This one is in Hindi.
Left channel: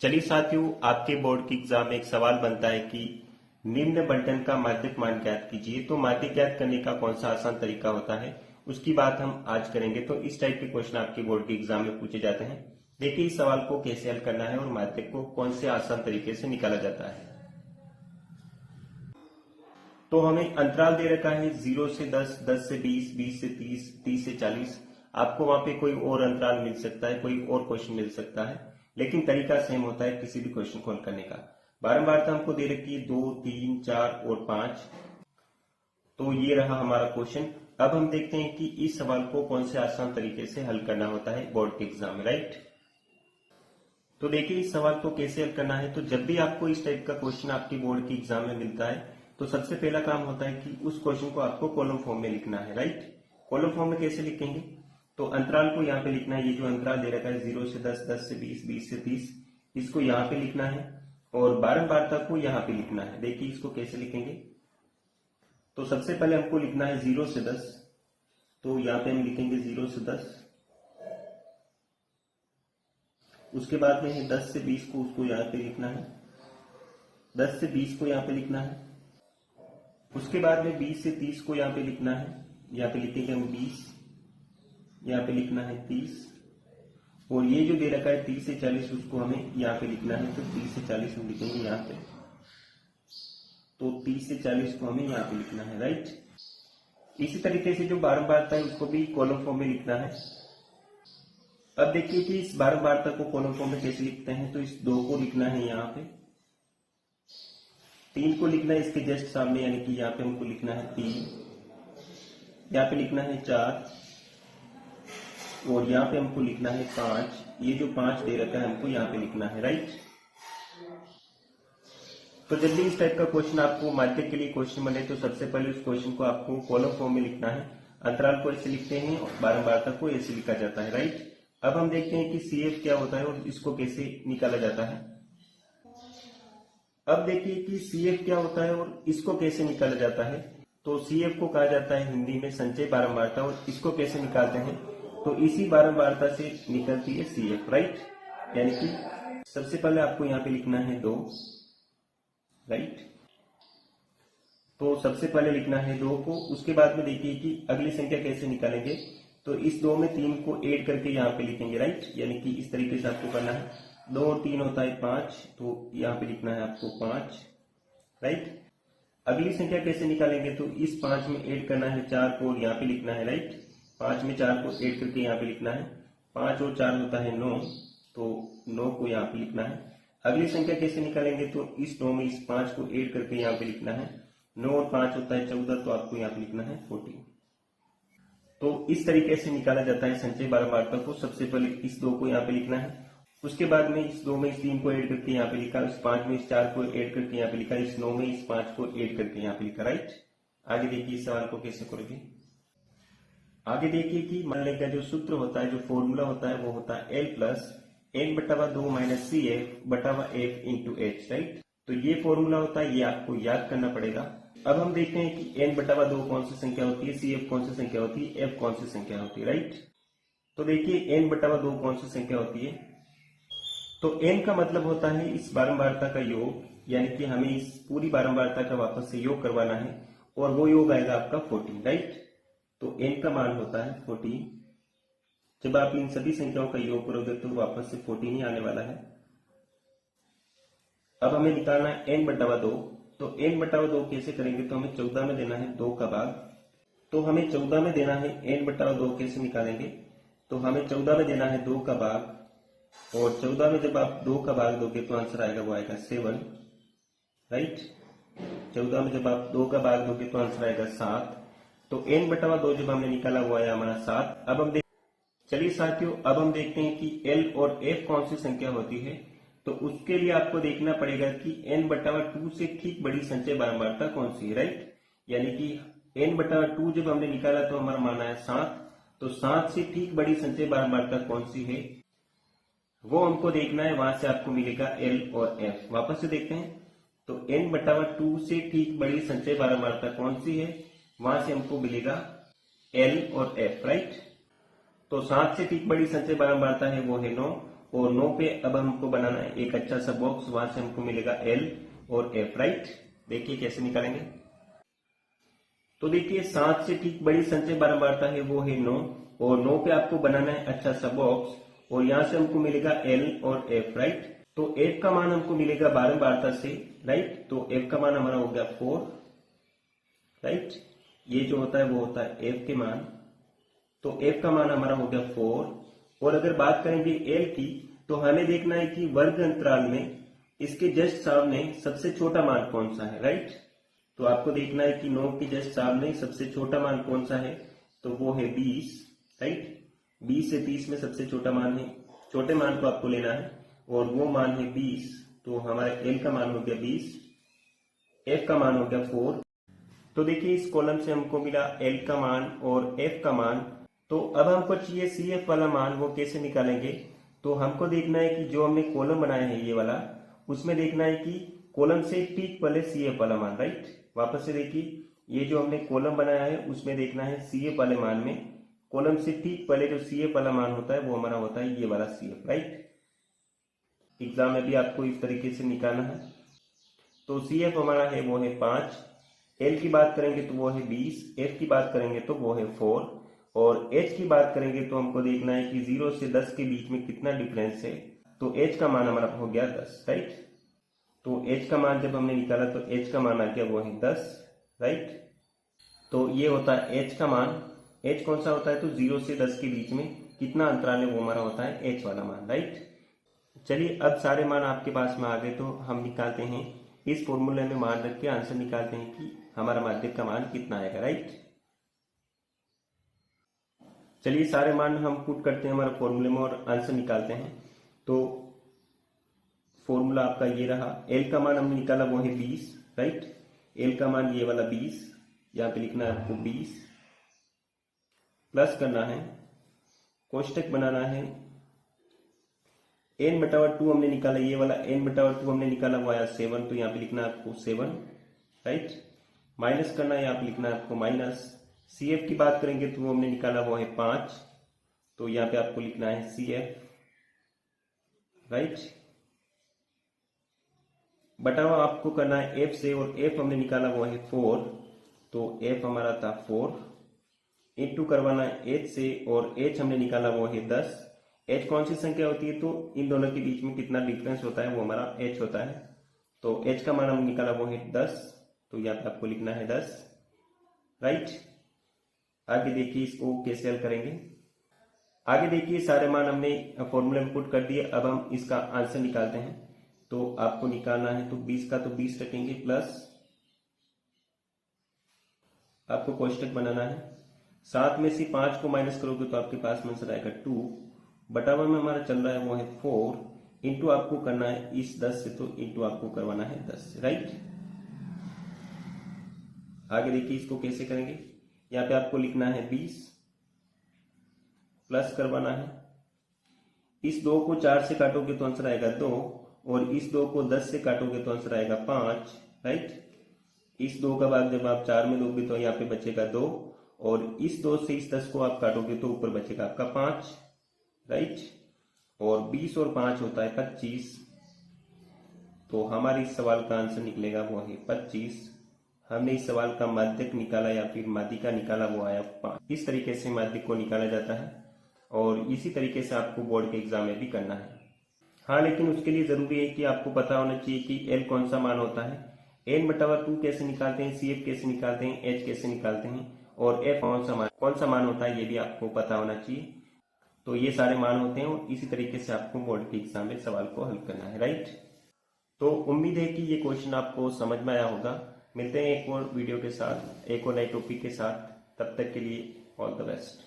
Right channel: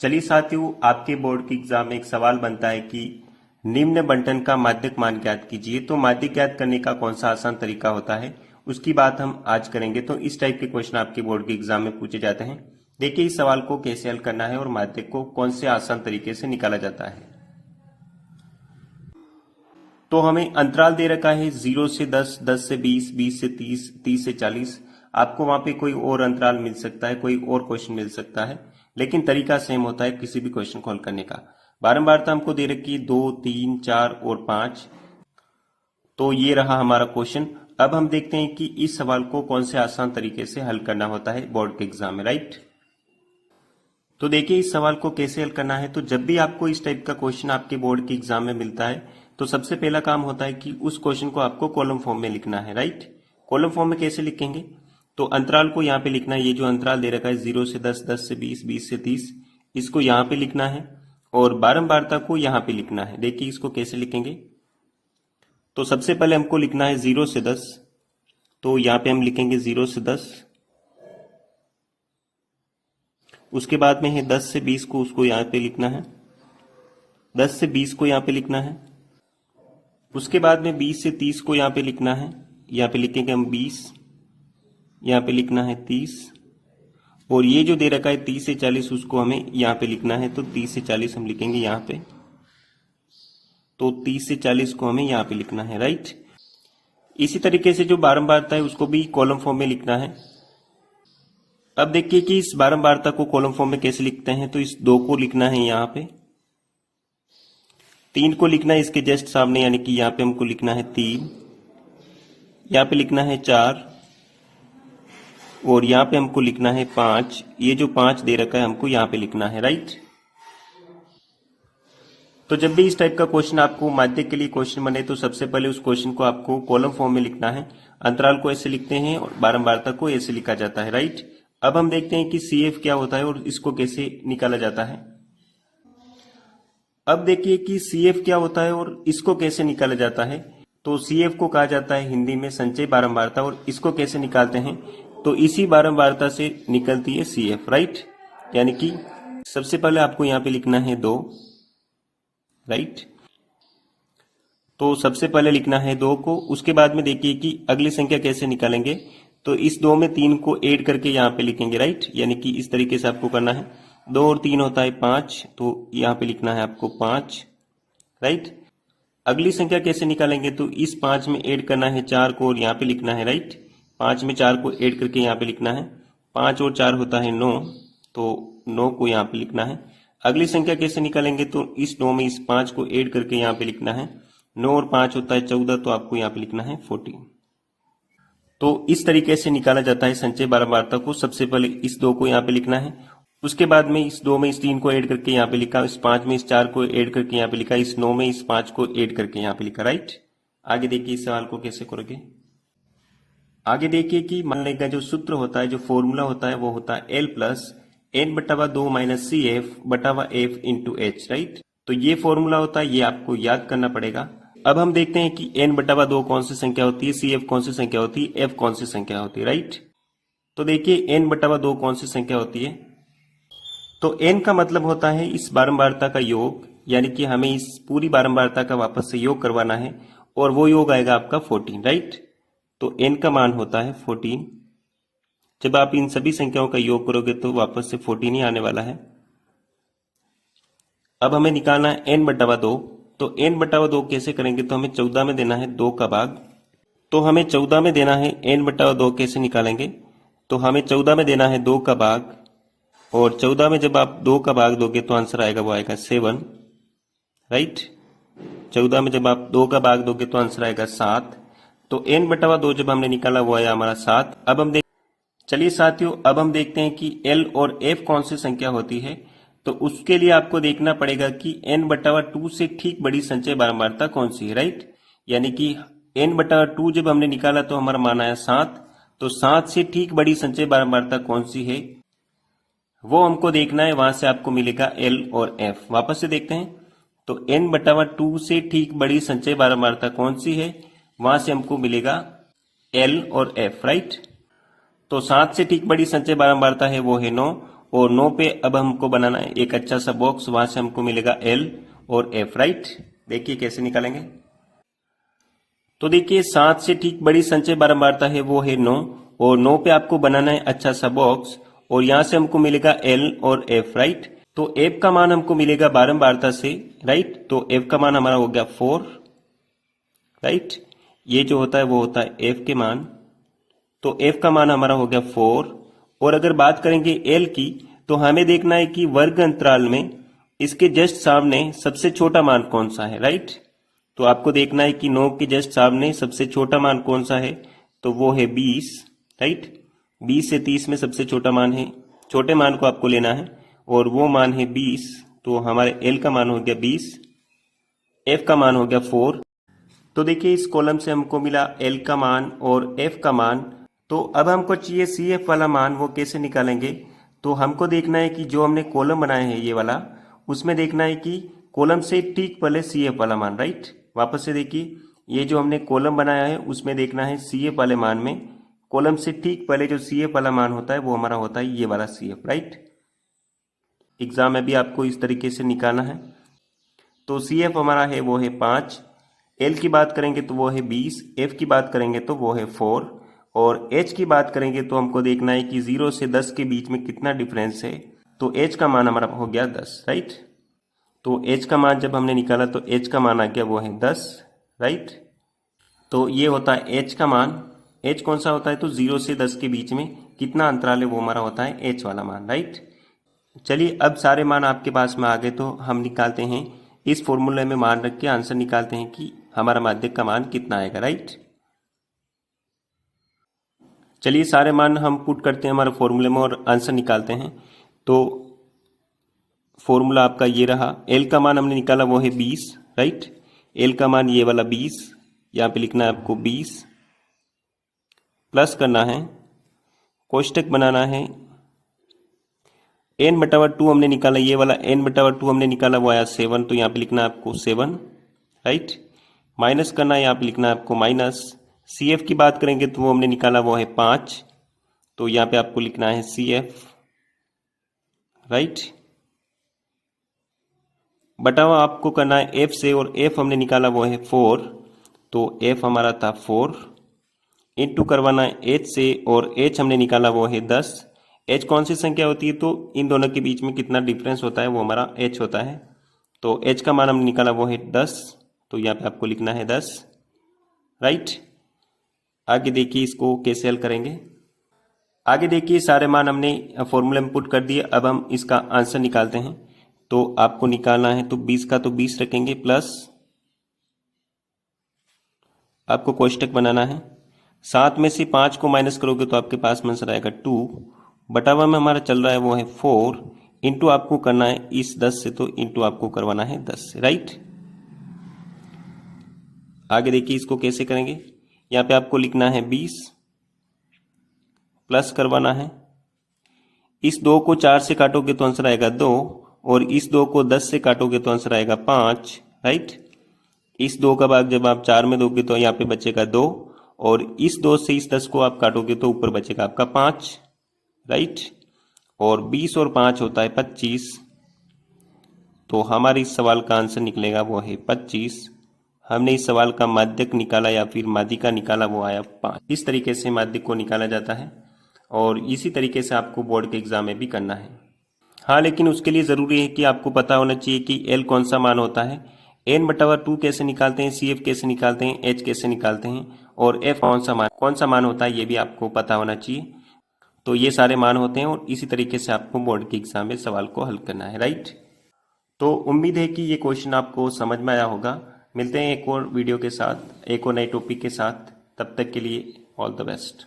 चलिए साथियों, आपके बोर्ड के एग्जाम में एक सवाल बनता है कि निम्न बंटन का माध्यक मान ज्ञात कीजिए। तो माध्यक ज्ञात करने का कौन सा आसान तरीका होता है, उसकी बात हम आज करेंगे। तो इस टाइप के क्वेश्चन आपके बोर्ड के एग्जाम में पूछे जाते हैं। देखिए इस सवाल को कैसे हल करना है और माध्यक को कौन से आसान तरीके से निकाला जाता है। तो हमें अंतराल दे रखा है 0 से 10, 10 से 20, 20 से 30, 30 से 40। आपको वहां पे कोई और अंतराल मिल सकता है, कोई और क्वेश्चन मिल सकता है, लेकिन तरीका सेम होता है किसी भी क्वेश्चन को हल करने का। बारंबारता हमको दे रखी है 2, 3, 4 और 5। तो ये रहा हमारा क्वेश्चन। अब हम देखते हैं कि इस सवाल को कौन से आसान तरीके से हल करना होता है बोर्ड के एग्जाम में, राइट। तो देखिए इस सवाल को कैसे हल करना है। तो जब भी आपको इस टाइप का क्वेश्चन आपके बोर्ड के एग्जाम में मिलता है तो सबसे पहला काम होता है कि उस क्वेश्चन को आपको कॉलम फॉर्म में लिखना है, राइट। कॉलम फॉर्म में कैसे लिखेंगे, तो अंतराल को यहाँ पे लिखना है। ये जो अंतराल दे रखा है 0 से 10, 10 से 20, 20 से 30, इसको यहाँ पे लिखना है और बारंबारता को यहाँ पे लिखना है। देखिए इसको कैसे लिखेंगे। तो सबसे पहले हमको लिखना है 0 से 10, तो यहाँ पे हम लिखेंगे 0 से 10। उसके बाद में है 10 से 20 को, उसको यहाँ पे लिखना है। 10 से 20 को यहाँ पे लिखना है। उसके बाद में 20 से 30 को यहाँ पे लिखना है। यहाँ पे लिखेंगे हम 20, यहाँ पे लिखना है 30, और ये जो दे रखा है 30 से 40 उसको हमें यहाँ पे लिखना है। तो 30 से 40 हम लिखेंगे यहाँ पे। तो 30 से 40 को हमें यहाँ पे लिखना है, राइट। इसी तरीके से जो बारंबारता है उसको भी कॉलम फॉर्म में लिखना है। अब देखिए कि इस बारंबारता को कॉलम फॉर्म में कैसे लिखते हैं। तो इस 2 को लिखना है यहाँ पे, 3 को लिखना है इसके जस्ट सामने, यानी कि यहाँ पे हमको लिखना है 3, यहाँ पे लिखना है 4, और यहाँ पे हमको लिखना है 5। ये जो 5 दे रखा है हमको यहाँ पे लिखना है, राइट। तो जब भी इस टाइप का क्वेश्चन आपको माध्यक के लिए क्वेश्चन बने तो सबसे पहले उस क्वेश्चन को आपको कॉलम फॉर्म में लिखना है। अंतराल को ऐसे लिखते हैं और बारंबारता को ऐसे लिखा जाता है, राइट। अब हम देखते हैं कि CF क्या होता है और इसको कैसे निकाला जाता है। अब देखिए कि CF क्या होता है और इसको कैसे निकाला जाता है। तो CF को कहा जाता है हिंदी में संचय बारंबारता, और इसको कैसे निकालते हैं, तो इसी बारंबारता से निकलती है CF, राइट। यानी कि सबसे पहले आपको यहाँ पे लिखना है 2, राइट। तो सबसे पहले लिखना है 2 को। उसके बाद में देखिए कि अगली संख्या कैसे निकालेंगे। तो इस 2 में 3 को ऐड करके यहाँ पे लिखेंगे, राइट। यानी कि इस तरीके से आपको करना है। 2 और 3 होता है 5, तो यहाँ पे लिखना है आपको 5, राइट। अगली संख्या कैसे निकालेंगे, तो इस 5 में ऐड करना है 4 को और यहाँ पे लिखना है, राइट। 5 में 4 को ऐड करके यहाँ पे लिखना है। 5 और 4 होता है 9, तो 9 को यहाँ पे लिखना है। अगली संख्या कैसे निकालेंगे, तो इस 9 में इस 5 को ऐड करके यहाँ पे लिखना है। 9 और 5 होता है 14, तो आपको यहाँ पे लिखना है 14। तो इस तरीके से निकाला जाता है संचय बारंबारता को। सबसे पहले इस 2 को यहाँ पे लिखना है, उसके बाद में इस 2 में इस 3 को ऐड करके यहाँ पे लिखा, इस 5 में इस 4 को ऐड करके यहाँ पे लिखा, इस 9 में इस 5 को ऐड करके यहाँ पे लिखा, राइट। आगे देखिए इस सवाल को कैसे करोगे। आगे देखिए कि मान लेगा जो सूत्र होता है, जो फॉर्मूला होता है वो होता है L+N/2 - CF/F × H, राइट। तो ये फॉर्मूला होता है, ये आपको याद करना पड़ेगा। अब हम देखते हैं कि N/2 कौन सी संख्या होती है, CF कौन सी संख्या होती है, F कौन सी संख्या होती है, राइट। तो देखिए N/2 कौन सी संख्या होती है। तो N का मतलब होता है इस बारंबारता का योग, यानी कि हमें इस पूरी बारंबारता का वापस से योग करवाना है, और वो योग आएगा आपका 14, राइट। तो N का मान होता है 14। जब आप इन सभी संख्याओं का योग करोगे तो वापस से 14 ही आने वाला है। अब हमें निकालना है N/2। तो N/2 कैसे करेंगे, तो हमें 14 में देना है 2 का भाग। तो हमें 14 में देना है N/2 कैसे निकालेंगे, तो हमें 14 में देना है 2 का भाग, और 14 में जब आप 2 का भाग दोगे तो आंसर आएगा, वो आएगा 7, राइट। 14 में जब आप 2 का भाग दोगे तो आंसर आएगा 7। तो N/2 जब हमने निकाला वो आया हमारा 7। अब हम चलिए साथियों, अब हम देखते हैं कि L और F कौन सी संख्या होती है। तो उसके लिए आपको देखना पड़ेगा कि N/2 से ठीक बड़ी संचय बारंबारता कौन सी है, राइट। यानी कि N/2 जब हमने निकाला तो हमारा मान आया 7। तो 7 से ठीक बड़ी संचय बारंबारता कौन सी है वो हमको देखना है। वहां से आपको मिलेगा L और F। वापस से देखते हैं, तो N/2 से ठीक बड़ी संचय बारंबारता कौन सी है, वहां से हमको मिलेगा L और F, राइट। तो 7 से ठीक बड़ी संचय बारंबारता है वो है 9, और 9 पे अब हमको बनाना है एक अच्छा सा बॉक्स, वहां से हमको मिलेगा L और F, राइट। देखिए कैसे निकालेंगे। तो देखिए 7 से ठीक बड़ी संचय बारंबारता है वो है 9, और 9 पे आपको बनाना है अच्छा सा बॉक्स, और यहां से हमको मिलेगा L और F, राइट। तो F का मान हमको मिलेगा बारंबारता से, राइट। तो F का मान हमारा हो गया 4, राइट। ये जो होता है वो होता है F के मान, तो F का मान हमारा हो गया 4। और अगर बात करेंगे L की, तो हमें देखना है कि वर्ग अंतराल में इसके जस्ट सामने सबसे छोटा मान कौन सा है, राइट। तो आपको देखना है कि 9 के जस्ट सामने सबसे छोटा मान कौन सा है, तो वो है 20, राइट। 20 से 30 में सबसे छोटा मान है, छोटे मान को आपको लेना है, और वो मान है 20। तो हमारे L का मान हो गया 20, F का मान हो गया 4। तो देखिए इस कॉलम से हमको मिला L का मान और F का मान। तो अब हमको चाहिए CF वाला मान, वो कैसे निकालेंगे। तो हमको देखना है कि जो हमने कॉलम बनाया है ये वाला, उसमें देखना है कि कॉलम से ठीक पहले CF वाला मान, राइट। वापस से देखिए, ये जो हमने कॉलम बनाया है उसमें देखना है CF वाले मान में कॉलम से ठीक पहले जो CF वाला मान होता है वो हमारा होता है ये वाला CF, राइट। एग्जाम में भी आपको इस तरीके से निकालना है। तो CF हमारा है वो है 5, L की बात करेंगे तो वो है 20, F की बात करेंगे तो वो है 4, और H की बात करेंगे तो हमको देखना है कि 0 से 10 के बीच में कितना डिफरेंस है। तो H का मान हमारा हो गया 10, राइट। तो H का मान जब हमने निकाला तो H का मान आ गया वो है 10, राइट। तो ये होता है H का मान। H कौन सा होता है, तो 0 से 10 के बीच में कितना अंतराल है वो हमारा होता है H वाला मान, राइट। चलिए अब सारे मान आपके पास में आ गए, तो हम निकालते हैं इस फॉर्मूले में मान रख के आंसर निकालते हैं कि हमारा माध्यक का मान कितना आएगा, राइट। चलिए सारे मान हम पुट करते हैं हमारे फॉर्मूले में और आंसर निकालते हैं। तो फॉर्मूला आपका ये रहा, L का मान हमने निकाला वो है 20, राइट। L का मान ये वाला 20, यहाँ पे लिखना है आपको 20, प्लस करना है, कोष्टक बनाना है, n/2 हमने निकाला, ये वाला n/2 हमने निकाला वो आया 7, तो यहाँ पे लिखना है आपको 7, राइट। माइनस करना है, यहाँ पे लिखना है आपको माइनस। CF की बात करेंगे तो वो हमने निकाला वो है 5, तो यहाँ पे आपको लिखना है CF, राइट। बटावा आपको करना है F से, और F हमने निकाला वो है 4, तो F हमारा था 4, इंटू करवाना है H से, और H हमने निकाला वो है 10। H कौन सी संख्या होती है, तो इन दोनों के बीच में कितना डिफरेंस होता है वो हमारा H होता है। तो H का मान हमने निकाला वो है 10, तो यहाँ पे आपको लिखना है 10, राइट। आगे देखिए इसको कैसे हल करेंगे। आगे देखिए सारे मान हमने फॉर्मूले में पुट कर दिए, अब हम इसका आंसर निकालते हैं। तो आपको निकालना है तो 20 का तो 20 रखेंगे, प्लस आपको कोष्टक बनाना है, 7 में से 5 को माइनस करोगे तो आपके पास में आंसर आएगा 2, बटावा में हमारा चल रहा है वो है 4, इंटू आपको करना है इस 10 से, तो इंटू आपको करवाना है 10 से, राइट। आगे देखिए इसको कैसे करेंगे। यहाँ पे आपको लिखना है 20, प्लस करवाना है, इस 2 को 4 से काटोगे तो आंसर आएगा 2, और इस 2 को 10 से काटोगे तो आंसर आएगा 5, राइट। इस 2 का भाग जब आप 4 में दोगे तो यहाँ पे बचेगा 2, और इस 2 से इस 10 को आप काटोगे तो ऊपर बचेगा आपका 5, राइट। और 20 और 5 होता है 25, तो हमारे इस सवाल का आंसर निकलेगा वो है 25। हमने इस सवाल का माध्यक निकाला या फिर माध्यिका निकाला, वो आया 5। इस तरीके से माध्यक को निकाला जाता है, और इसी तरीके से आपको बोर्ड के एग्जाम में भी करना है। हाँ, लेकिन उसके लिए ज़रूरी है कि आपको पता होना चाहिए कि L कौन सा मान होता है, n/2 कैसे निकालते हैं, CF कैसे निकालते हैं, H कैसे निकालते हैं, और F कौन सा मान होता है, ये भी आपको पता होना चाहिए। तो ये सारे मान होते हैं, और इसी तरीके से आपको बोर्ड के एग्जाम में सवाल को हल करना है, राइट। तो उम्मीद है कि ये क्वेश्चन आपको समझ में आया होगा। मिलते हैं एक और वीडियो के साथ, एक और नए टॉपिक के साथ। तब तक के लिए ऑल द बेस्ट।